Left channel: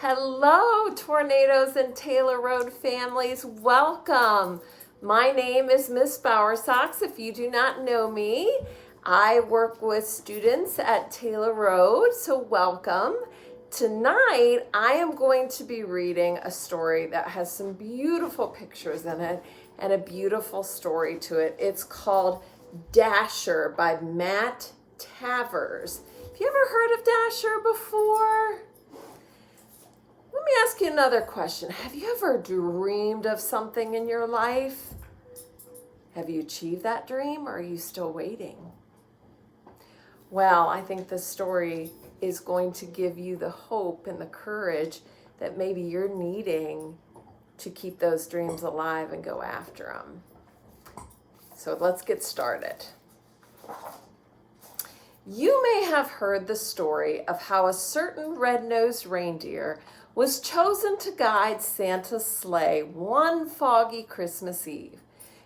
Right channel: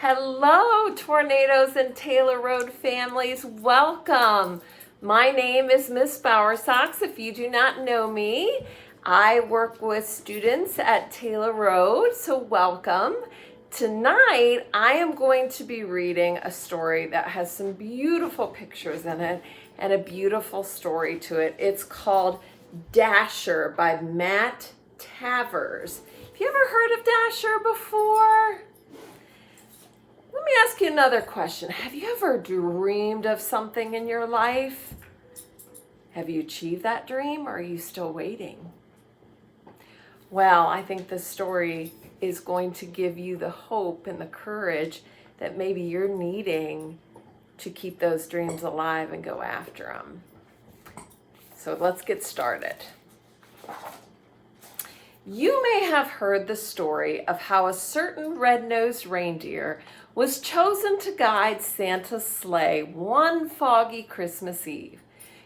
Hello, Tornadoes and Taylor Road families. Welcome. My name is Miss Bowersox. If you do not know me, I work with students at Taylor Road, so welcome. Tonight, I am going to be reading a story that has some beautiful pictures in it and a beautiful story to it. It's called Dasher by Matt Tavers. Have you ever heard of Dasher before? Let me ask you another question. Have you ever dreamed of something in your life? Have you achieved that dream, or are you still waiting? Well, I think this story is going to give you the hope and the courage that maybe you're needing to keep those dreams alive and go after them. So let's get started. You may have heard the story of how a certain red-nosed reindeer was chosen to guide Santa's sleigh one foggy Christmas Eve.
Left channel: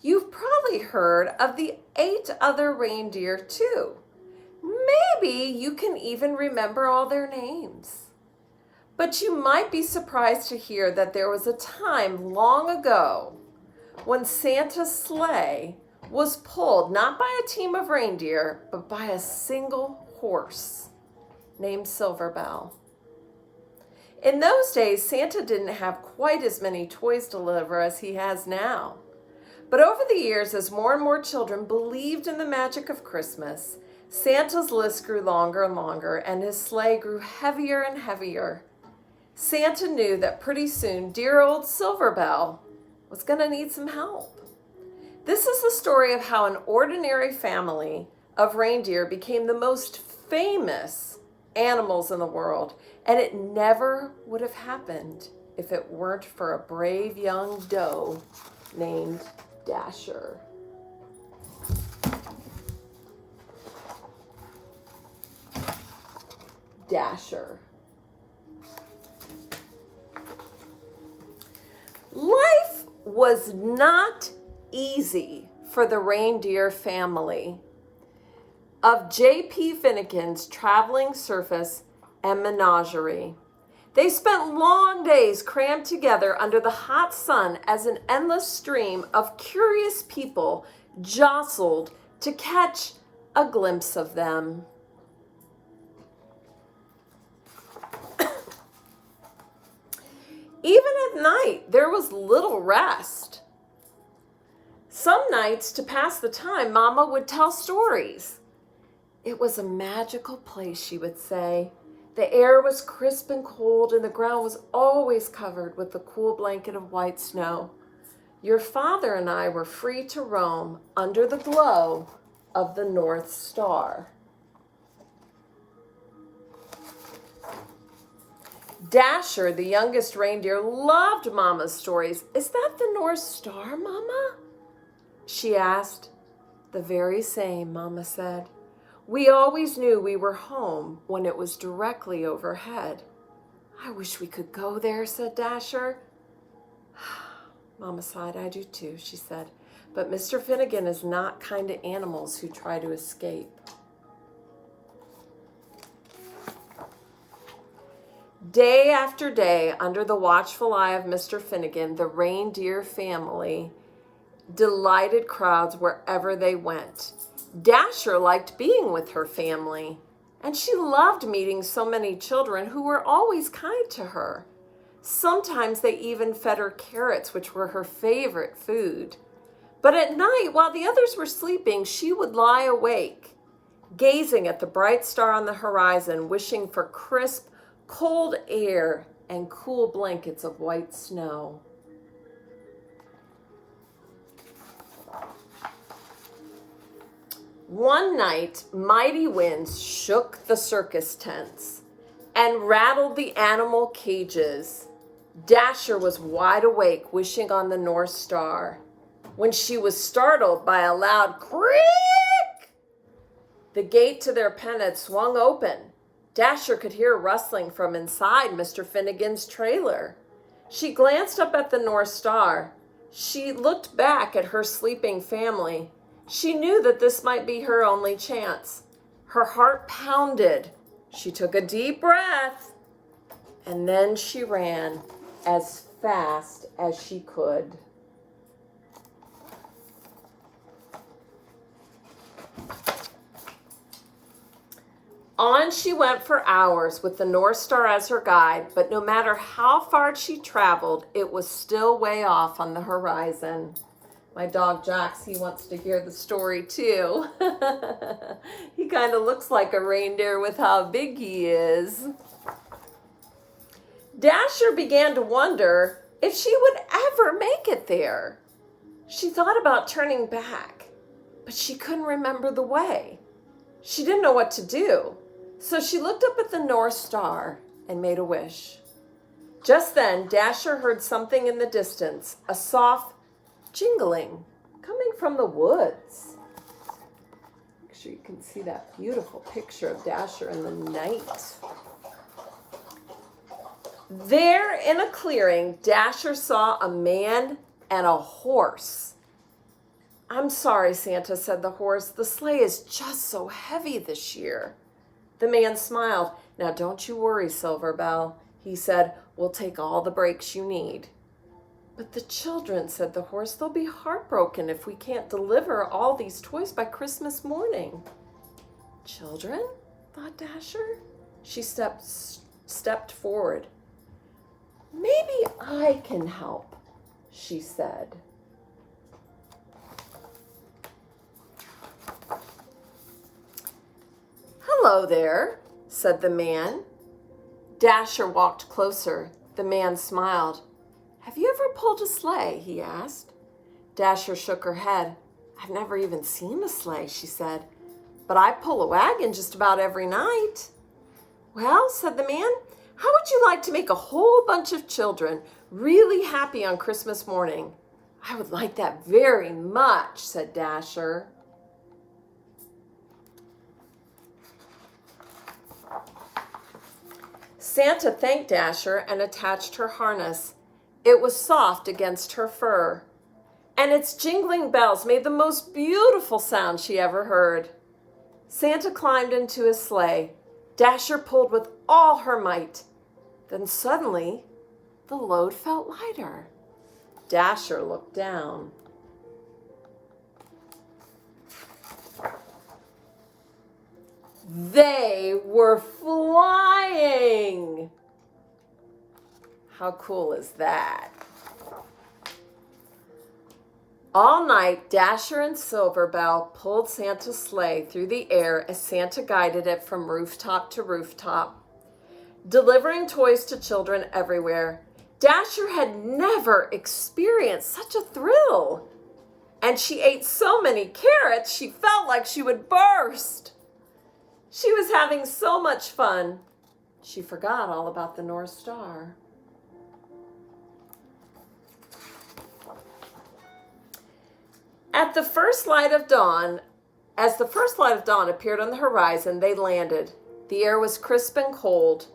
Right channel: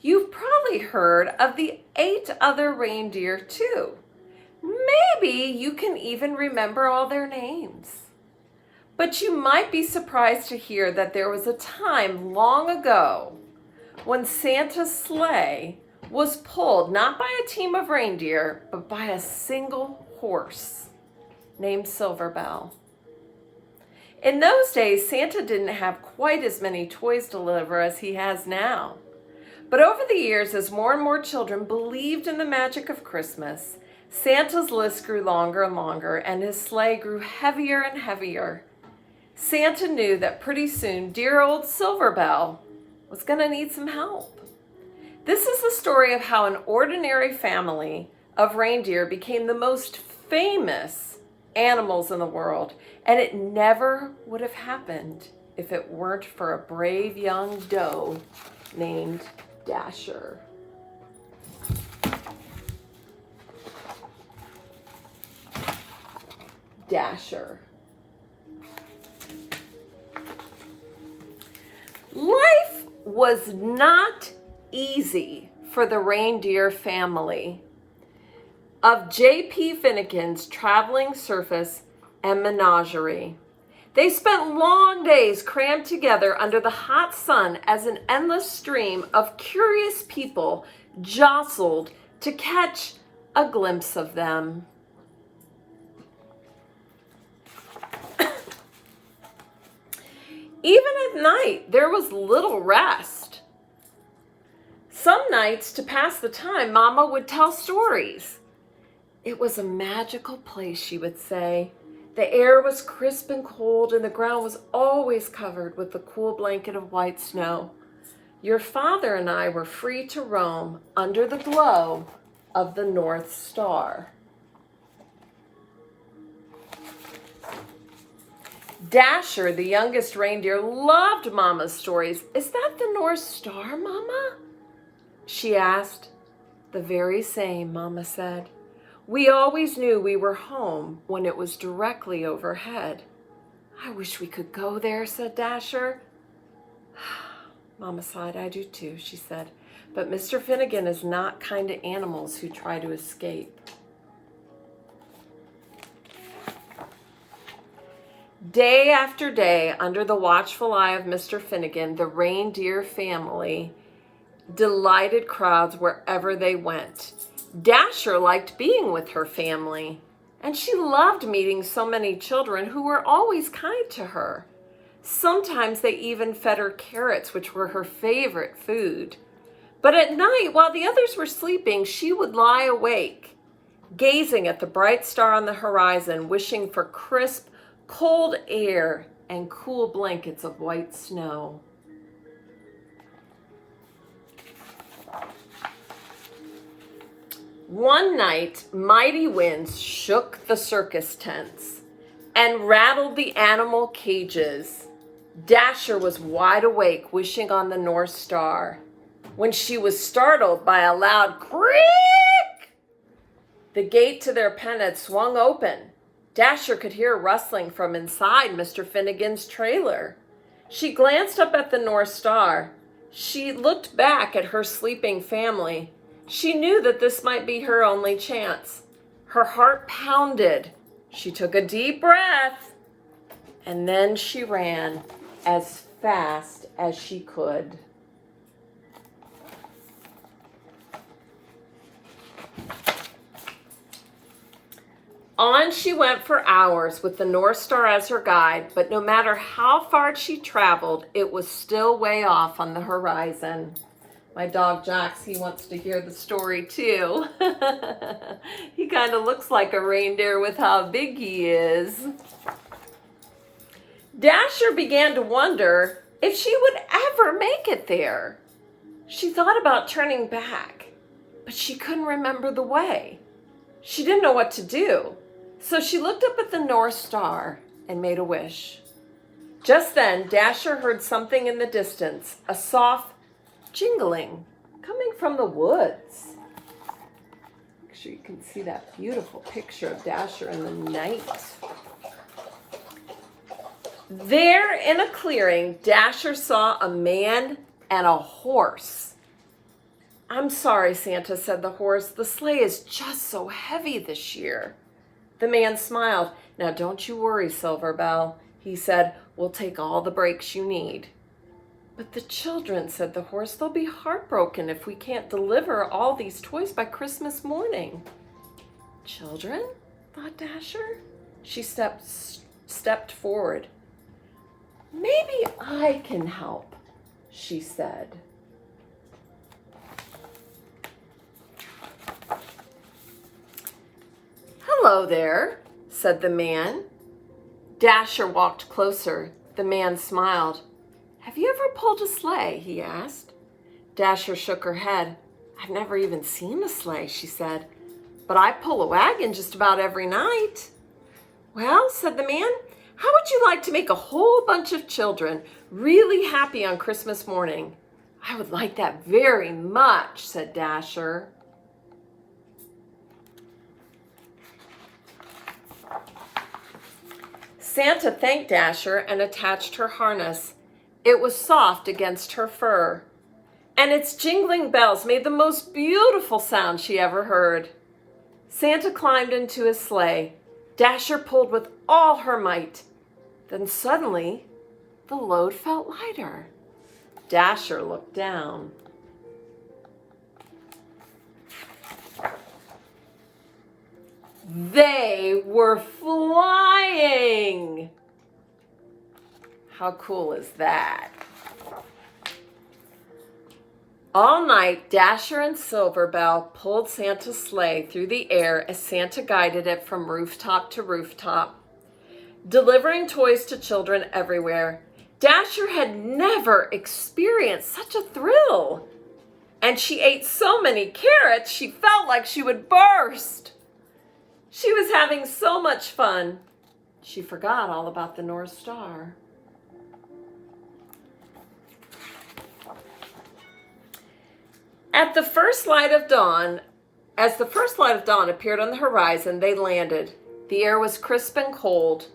You've probably heard of the 8 other reindeer too. Maybe you can even remember all their names. But you might be surprised to hear that there was a time long ago when Santa's sleigh was pulled not by a team of reindeer, but by a single horse named Silverbell. In those days, Santa didn't have quite as many toys to deliver as he has now. But over the years, as more and more children believed in the magic of Christmas, Santa's list grew longer and longer, and his sleigh grew heavier and heavier. Santa knew that pretty soon dear old Silverbell was going to need some help. This is the story of how an ordinary family of reindeer became the most famous animals in the world, and it never would have happened if it weren't for a brave young doe named Dasher. Dasher. Life was not easy for the reindeer family of J.P. Finnegan's traveling circus and menagerie. They spent long days crammed together under the hot sun as an endless stream of curious people jostled to catch a glimpse of them. Even at night, there was little rest. Some nights, to pass the time, Mama would tell stories. It was a magical place, she would say. The air was crisp and cold, and the ground was always covered with a cool blanket of white snow. Your father and I were free to roam under the glow of the North Star. Dasher, the youngest reindeer, loved Mama's stories. Is that the North Star, Mama? She asked. The very same, Mama said. We always knew we were home when it was directly overhead. I wish we could go there, said Dasher. Mama sighed. I do too, she said. But Mr. Finnegan is not kind to animals who try to escape. Day after day, under the watchful eye of Mr. Finnegan, the reindeer family delighted crowds wherever they went. Dasher liked being with her family, and she loved meeting so many children who were always kind to her. Sometimes they even fed her carrots, which were her favorite food. But at night, while the others were sleeping, she would lie awake, gazing at the bright star on the horizon, wishing for crisp, cold air and cool blankets of white snow. One night, mighty winds shook the circus tents and rattled the animal cages. Dasher was wide awake, wishing on the North Star, when she was startled by a loud creak. The gate to their pen had swung open. Dasher could hear rustling from inside Mr. Finnegan's trailer. She glanced up at the North Star. She looked back at her sleeping family. She knew that this might be her only chance. Her heart pounded. She took a deep breath And then she ran as fast as she could. On she went for hours with the North Star as her guide, but no matter how far she traveled, it was still way off on the horizon. My dog Jax, he wants to hear the story too. He kind of looks like a reindeer with how big he is. Dasher began to wonder if she would ever make it there. She thought about turning back, but she couldn't remember the way. She didn't know what to do. So she looked up at the North Star and made a wish. Just then, Dasher heard something in the distance, a soft jingling coming from the woods. Make sure you can see that beautiful picture of Dasher in the night. There in a clearing, Dasher saw a man and a horse. "I'm sorry, Santa," said the horse. "The sleigh is just so heavy this year." The man smiled. "Now don't you worry, Silverbell," he said. "We'll take all the breaks you need." "But the children," said the horse, "they'll be heartbroken if we can't deliver all these toys by Christmas morning." "Children?" thought Dasher. She stepped forward. "Maybe I can help," she said. "Hello there," said the man. Dasher walked closer. The man smiled. "Have you ever pulled a sleigh?" he asked. Dasher shook her head. "I've never even seen a sleigh," she said. "But I pull a wagon just about every night." "Well," said the man, "how would you like to make a whole bunch of children really happy on Christmas morning?" "I would like that very much," said Dasher. Santa thanked Dasher and attached her harness. It was soft against her fur, and its jingling bells made the most beautiful sound she ever heard. Santa climbed into his sleigh. Dasher pulled with all her might. Then suddenly, the load felt lighter. Dasher looked down. They were flying! How cool is that? All night, Dasher and Silverbell pulled Santa's sleigh through the air as Santa guided it from rooftop to rooftop, delivering toys to children everywhere. Dasher had never experienced such a thrill, and she ate so many carrots she felt like she would burst. She was having so much fun, she forgot all about the North Star. As the first light of dawn appeared on the horizon, they landed. The air was crisp and cold.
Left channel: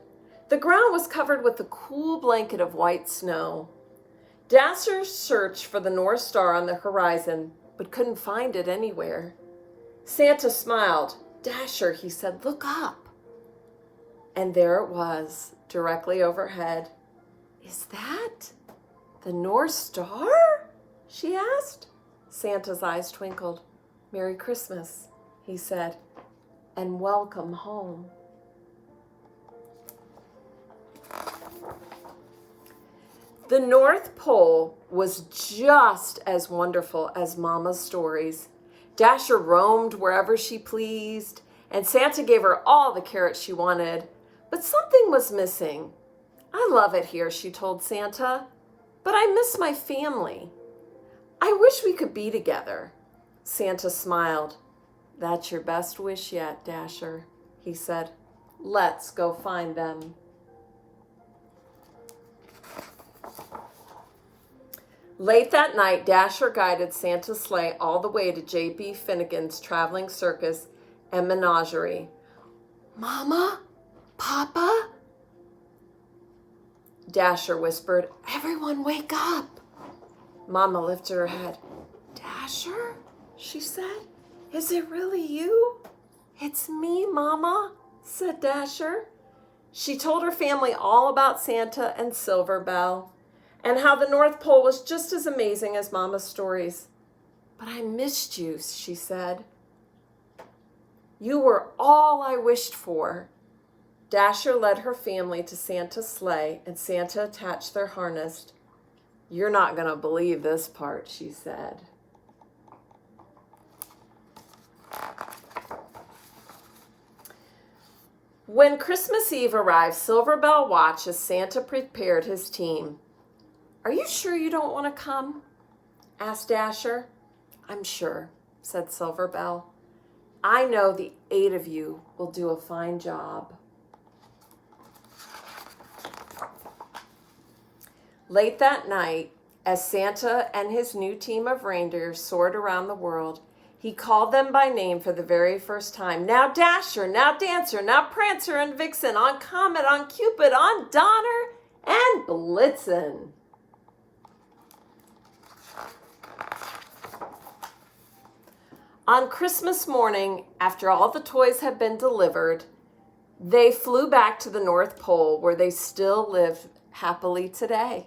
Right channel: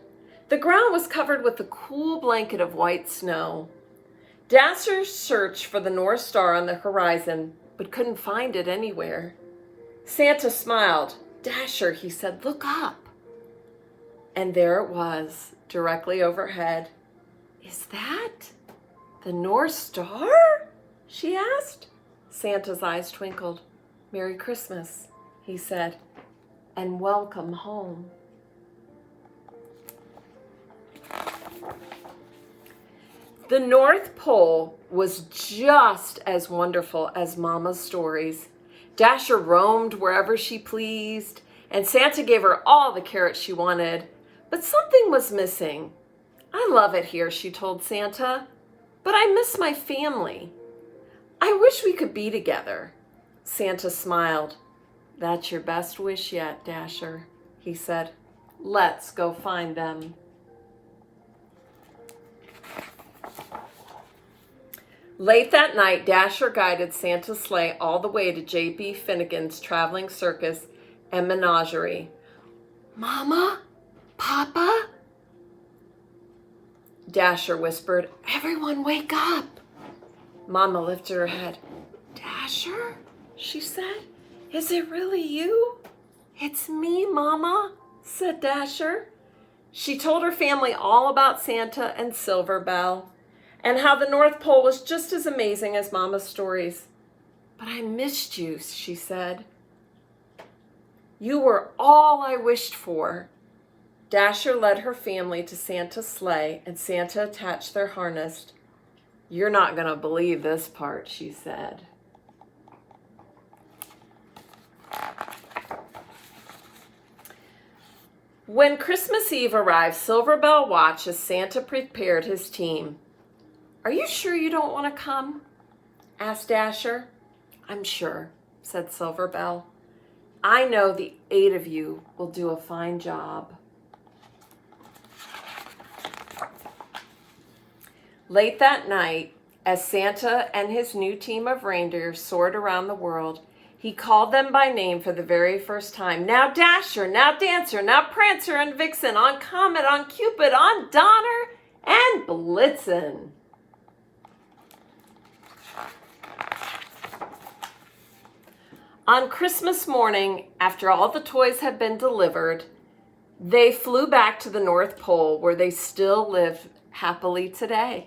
The ground was covered with a cool blanket of white snow. Dasher searched for the North Star on the horizon, but couldn't find it anywhere. Santa smiled. "Dasher," he said, "look up." And there it was, directly overhead. "Is that the North Star?" she asked. Santa's eyes twinkled. "Merry Christmas," he said, "and welcome home." The North Pole was just as wonderful as Mama's stories. Dasher roamed wherever she pleased, and Santa gave her all the carrots she wanted. But something was missing. "I love it here," she told Santa, "but I miss my family. I wish we could be together." Santa smiled. "That's your best wish yet, Dasher," he said. "Let's go find them." Late that night, Dasher guided Santa's sleigh all the way to J.B. Finnegan's traveling circus and menagerie. "Mama? Papa?" Dasher whispered. "Everyone wake up." Mama lifted her head. "Dasher?" she said. "Is it really you?" "It's me, Mama," said Dasher. She told her family all about Santa and Silver Bell and how the North Pole was just as amazing as Mama's stories. "But I missed you," she said. "You were all I wished for." Dasher led her family to Santa's sleigh, and Santa attached their harness. "You're not going to believe this part," she said. When Christmas Eve arrived, Silver Bell watched as Santa prepared his team. "Are you sure you don't want to come?" asked Dasher. "I'm sure," said Silver Bell. "I know the 8 of you will do a fine job." Late that night, as Santa and his new team of reindeer soared around the world, he called them by name for the very first time. "Now Dasher, now Dancer, now Prancer and Vixen, on Comet, on Cupid, on Donner, and Blitzen." On Christmas morning, after all the toys had been delivered, they flew back to the North Pole, where they still live happily today.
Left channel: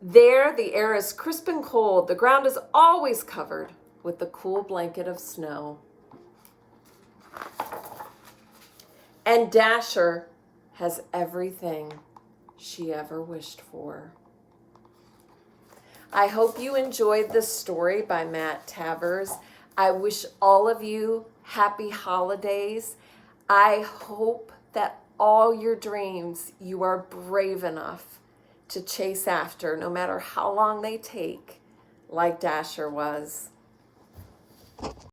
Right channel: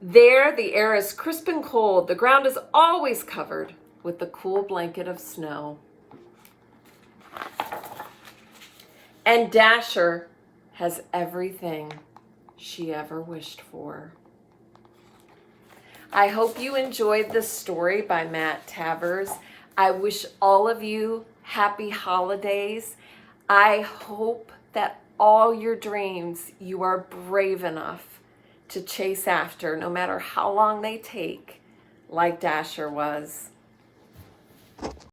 There, the air is crisp and cold. The ground is always covered with the cool blanket of snow. And Dasher has everything she ever wished for. I hope you enjoyed this story by Matt Tavers. I wish all of you happy holidays. I hope that all your dreams you are brave enough to chase after, no matter how long they take, like Dasher was.